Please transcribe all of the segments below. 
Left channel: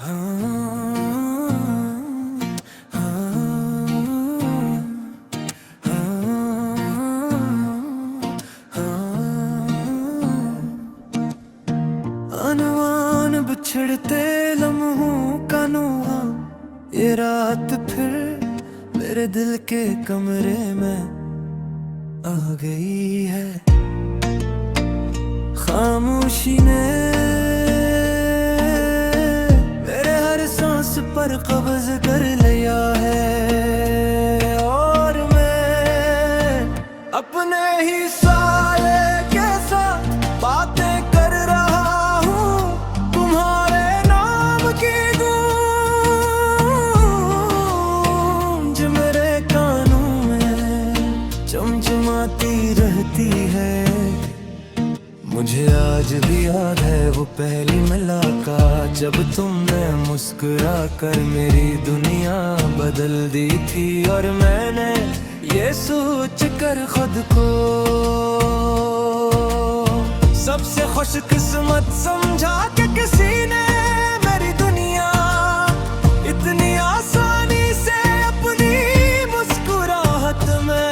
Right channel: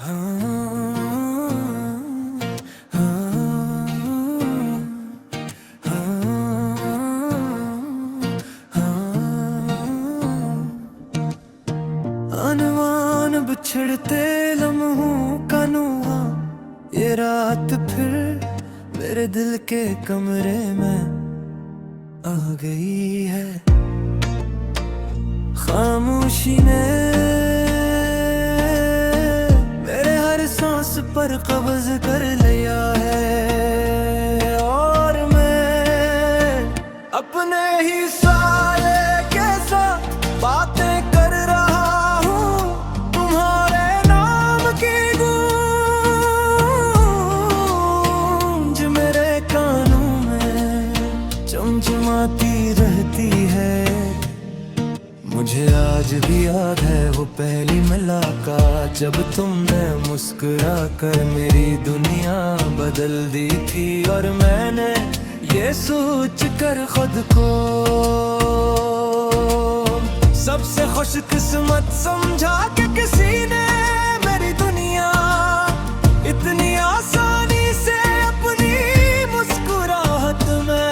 अनवान बिछड़ते लम्हों का नुआ, ये रात फिर मेरे दिल के कमरे में आ गई है। खामोशी ने मेरे हर सांस पर कब्ज कर लिया है, और मैं अपने ही साये के साथ बातें कर रहा हूँ। तुम्हारे नाम की गूंज मेरे कानों में चमचमाती रहती है। मुझे आज भी याद है वो पहली मुलाकात, जब तुमने मुस्कुरा कर मेरी दुनिया बदल दी थी। और मैंने ये सोच कर खुद को सबसे खुशकिस्मत समझा कि किसी ने मेरी दुनिया इतनी आसानी से अपनी मुस्कुराहट में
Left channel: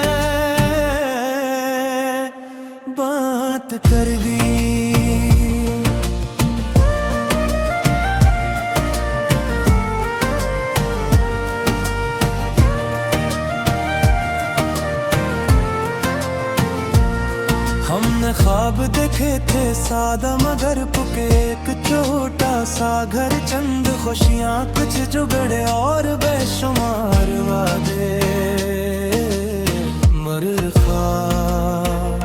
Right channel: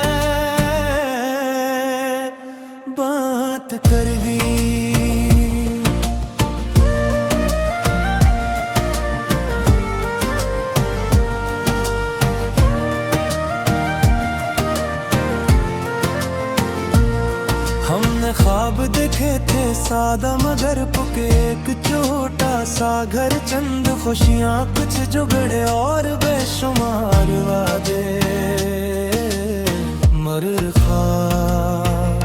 बात कर दी। हमने ख्वाब देखे थे सादा मगर पुके एक छोटा सा घर, चंद खुशियां कुछ जुगड़े और बेशुमार वादे मगर ख्वाब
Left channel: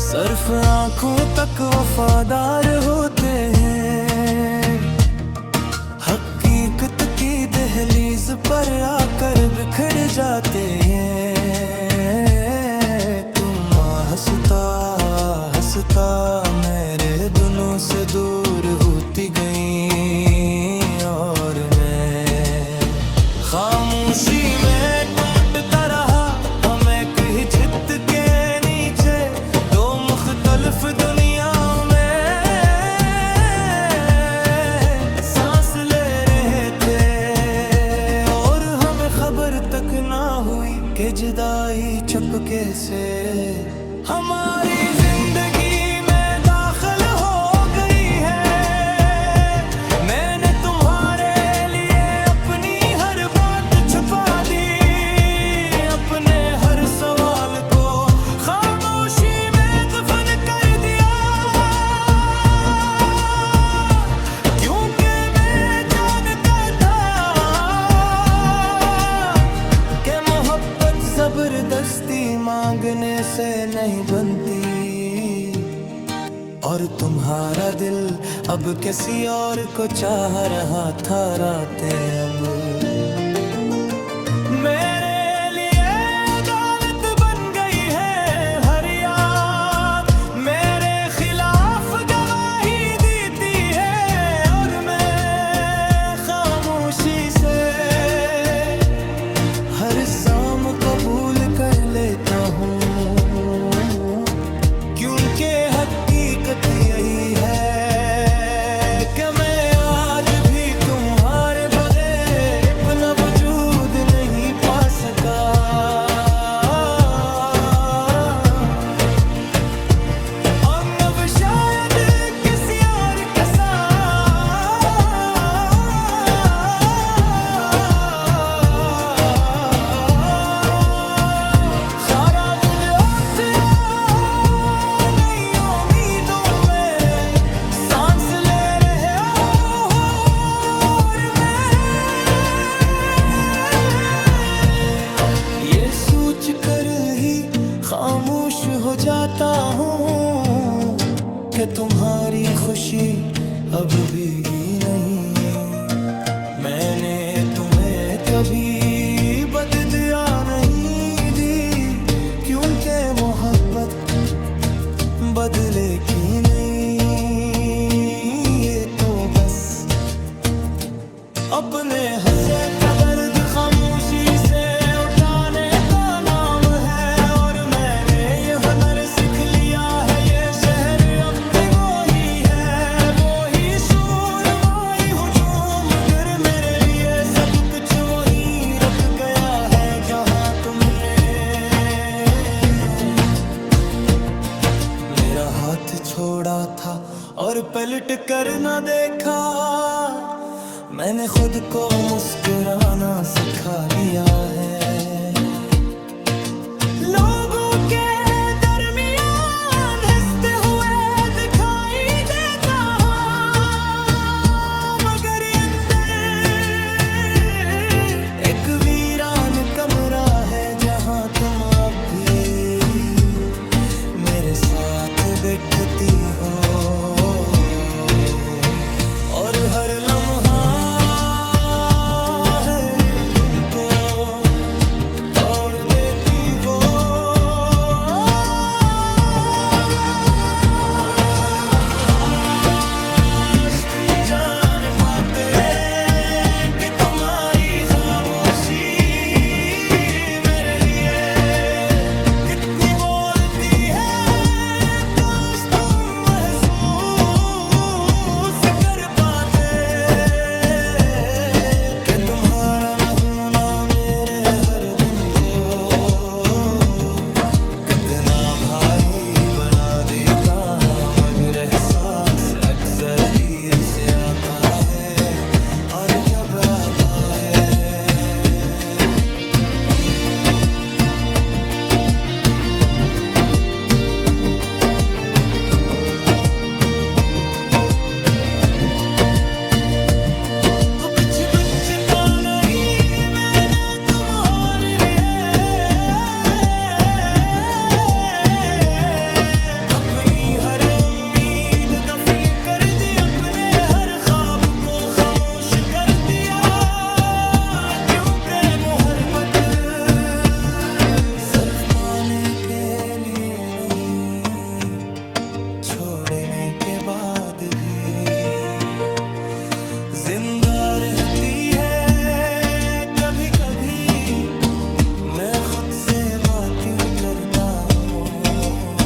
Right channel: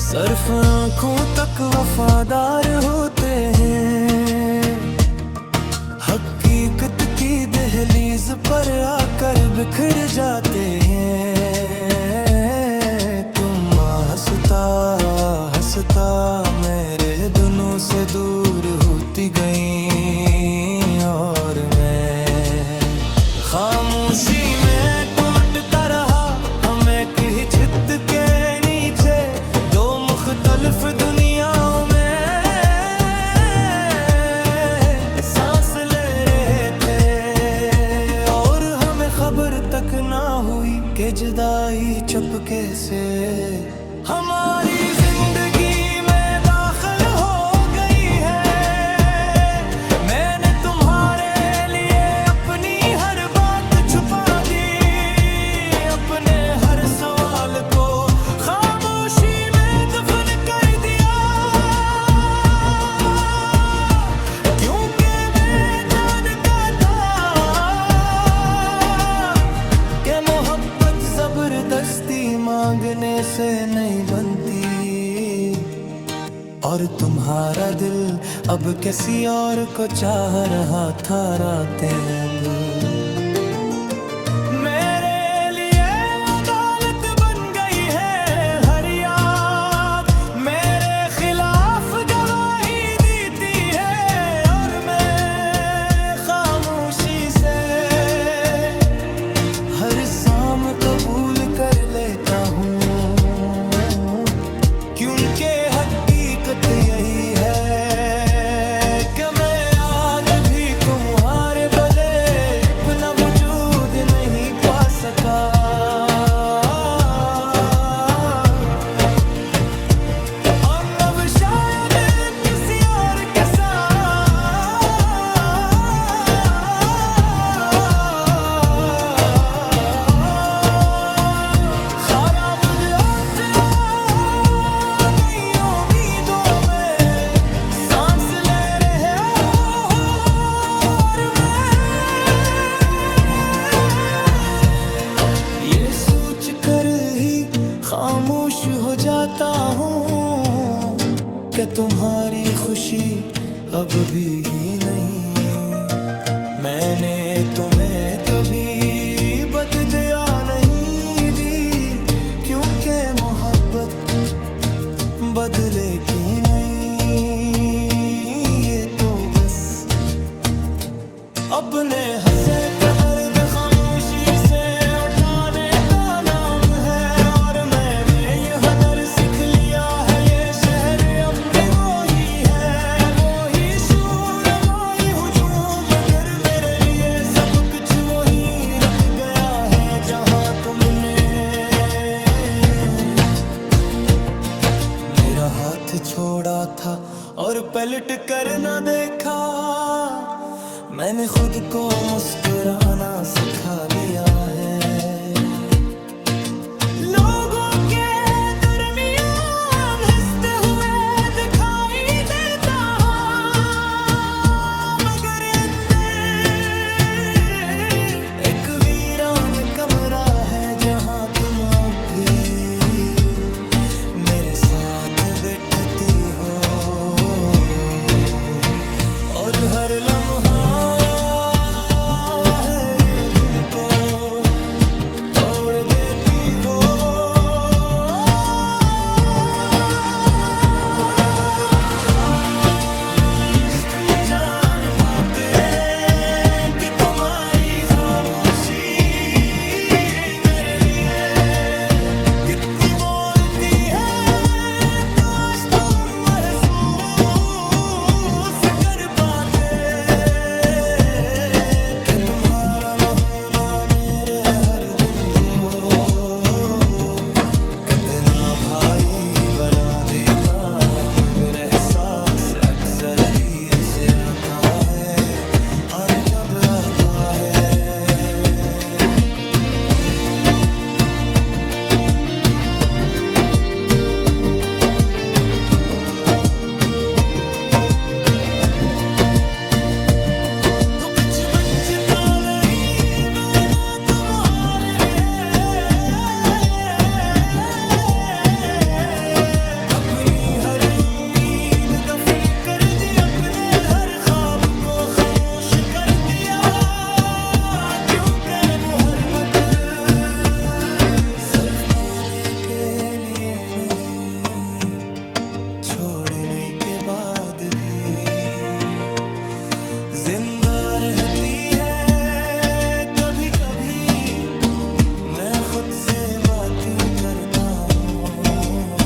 सिर्फ आंखों तक वफादार होते हैं। हकीकत की दहलीज पर आकर बिखर जाते हैं। तुम हंसता हंसता मेरे दिनों से दूर होती गई, और मैं खामोशी में टूटता रहा। हम एक ही छत के नीचे दो मुख्तलिफ दुनियाओं में सांस ले रहे थे, और हमें खबर तक ना हुई कि जुदाई चुपके से हमारी जिंदगी में दाखिल हो गई है। मैंने तुम्हारे लिए अपनी हर बात छुपा दी, अपने हर सवाल को खामोशी में दफन कर दिया। क्योंकि मैं जानता था कि मोहब्बत जबरदस्ती मांगने से नहीं बनती, और तुम्हारा दिल अब किसी और को चाह रहा था। रातें अब मेरे लिए अदालत बन गई है, हर याद मेरे खिलाफ गवाही देती है, और मैं खामोशी से हर इल्जाम कबूल कर लेता हूँ। क्योंकि हकीकत यही है कि मैं आज भी तुम्हारे बगैर अपना वजूद नहीं पा सका। अब शायद किसी और के साथ खराब होते नई उम्मीदों में सांस ले रहे हो, और मैं ये सोच कर ही खामोश हो जाता हूँ कि तुम्हारी खुशी अब भी नहीं। मैंने तुम्हें कभी बददुआ नहीं दी, क्योंकि मोहब्बत बदले की नहीं। ये तो बस अपने हंसे का दर्द खामोशी से उठाने का नाम है, और मैंने ये हुनर सीख लिया है। ये शहर अब भी वो ही है, वो ही शूर, वो ही हुजूम साथ छोड़ा था और पलट कर न देखा। मैंने खुद को मुस्कुराना सिखा लिया है। लोगों के दरमियान हंसते हुए दिखाई देता हूं, मगर अंदर एक वीरान कमरा है जहां तुम अब भी मेरे साथ बैठती हो और हर लम्हा हर दिन को तोड़ देती हो। तुम जान पाते कि तुम्हारी खामोशी मेरे लिए कितनी बोलती है। काश तुम महसूस कर पाते कि तुम्हारा न होना मेरे हर दिन को कितना भारी बना देता। मगर एहसास अक्सर धीरे से आता है और जब आता है तो कुछ बचता नहीं मैंने तुम्हारे लिए। अपनी हर उम्मीद दफन कर दी, अपने हर ख्वाब को खामोश कर दिया। क्योंकि मोहब्बत सिर्फ पाने के लिए नहीं, छोड़ने के बाद भी जिंदा रहती है। कभी कभी मैं खुद से बातें करता हूँ,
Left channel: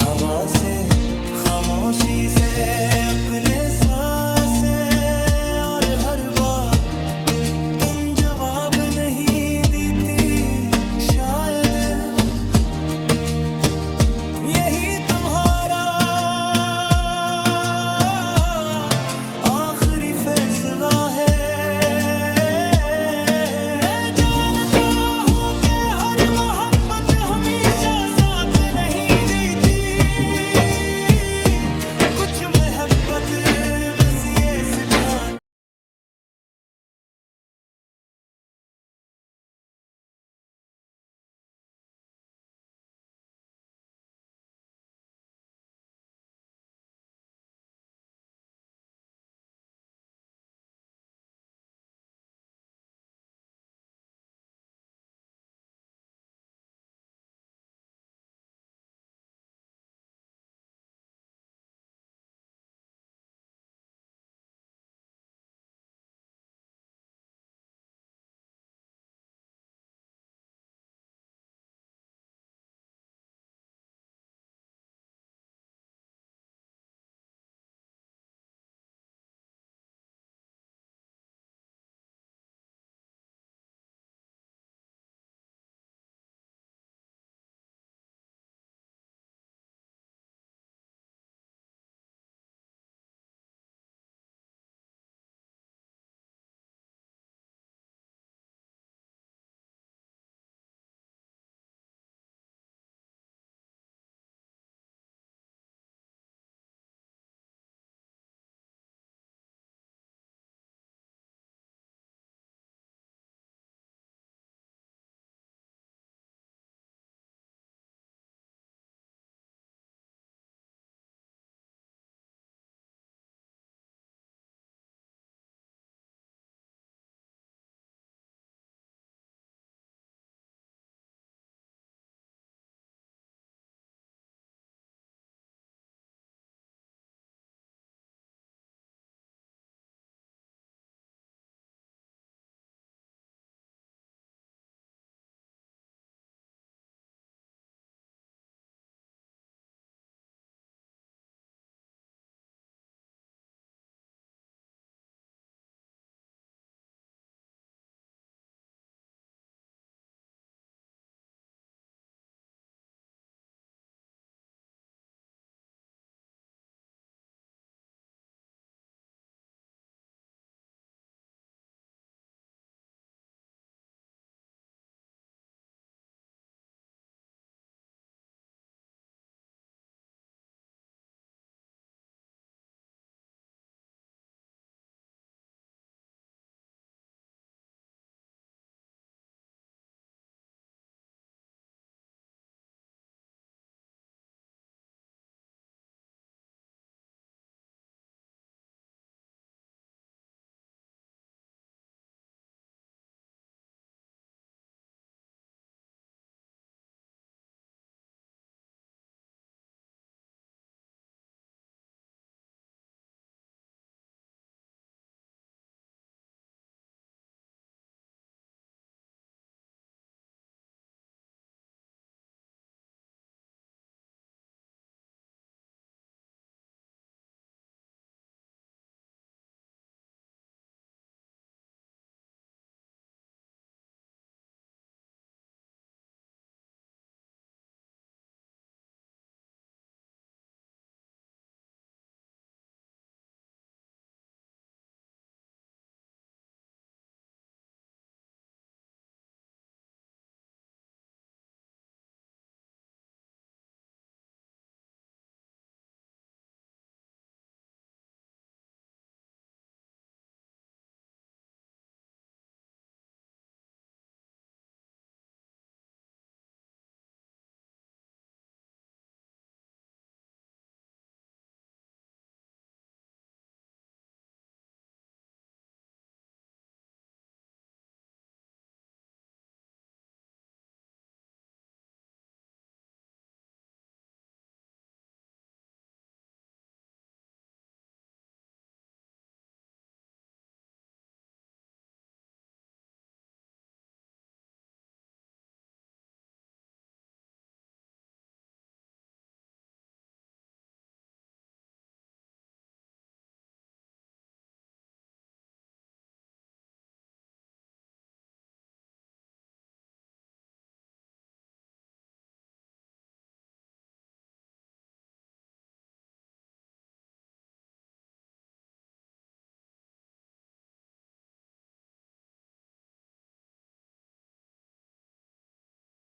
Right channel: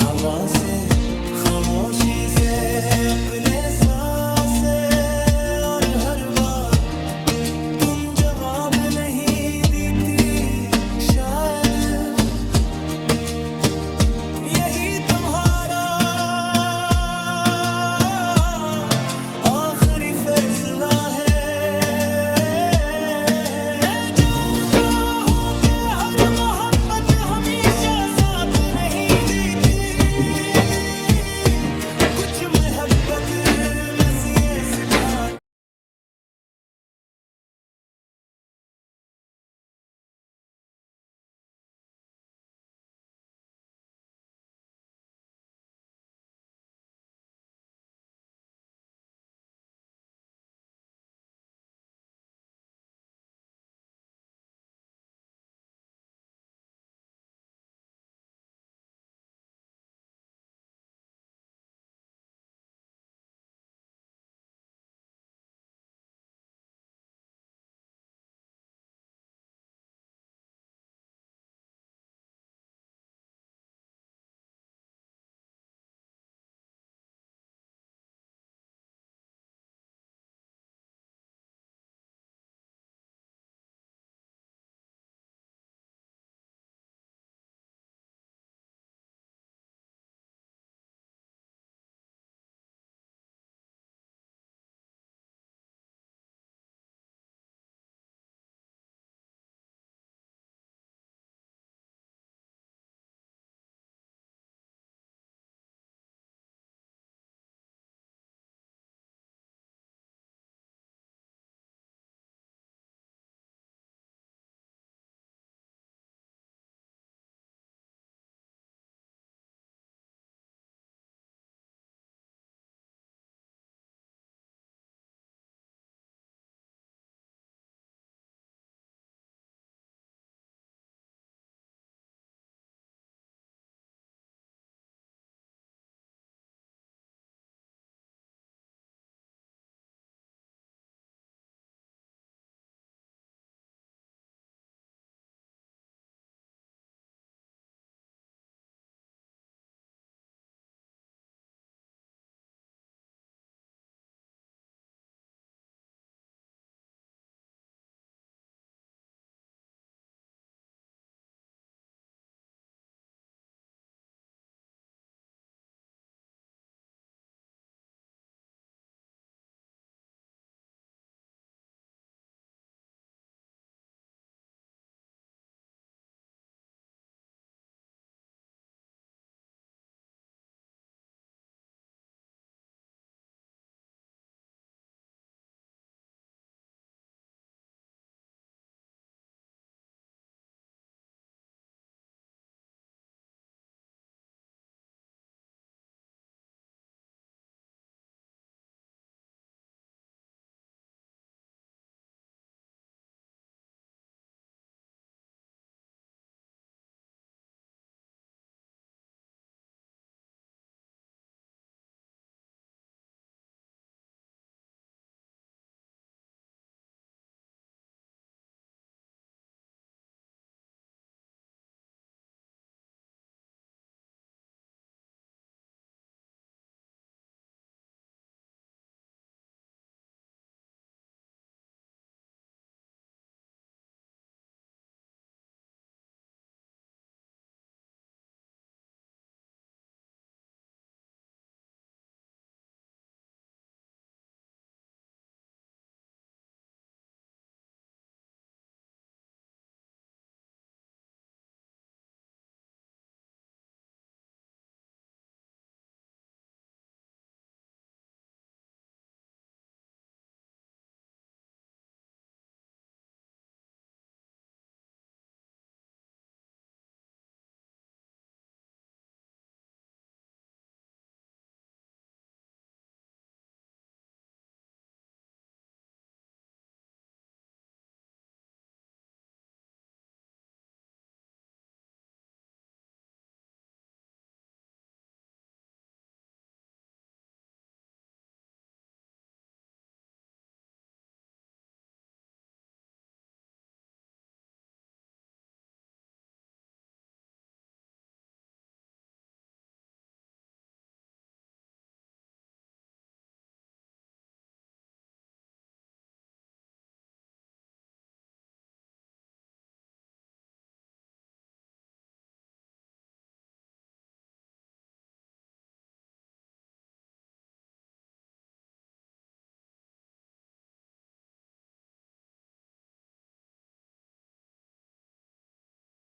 हवा से, खामोशी से, अपने सांस से। और हर बार तुम जवाब नहीं देती, शायद यही तुम्हारा आखिरी फैसला है। मैं जानता हूँ कि हर मोहब्बत हमेशा साथ नहीं देती। कुछ मोहब्बत में से ये सिखा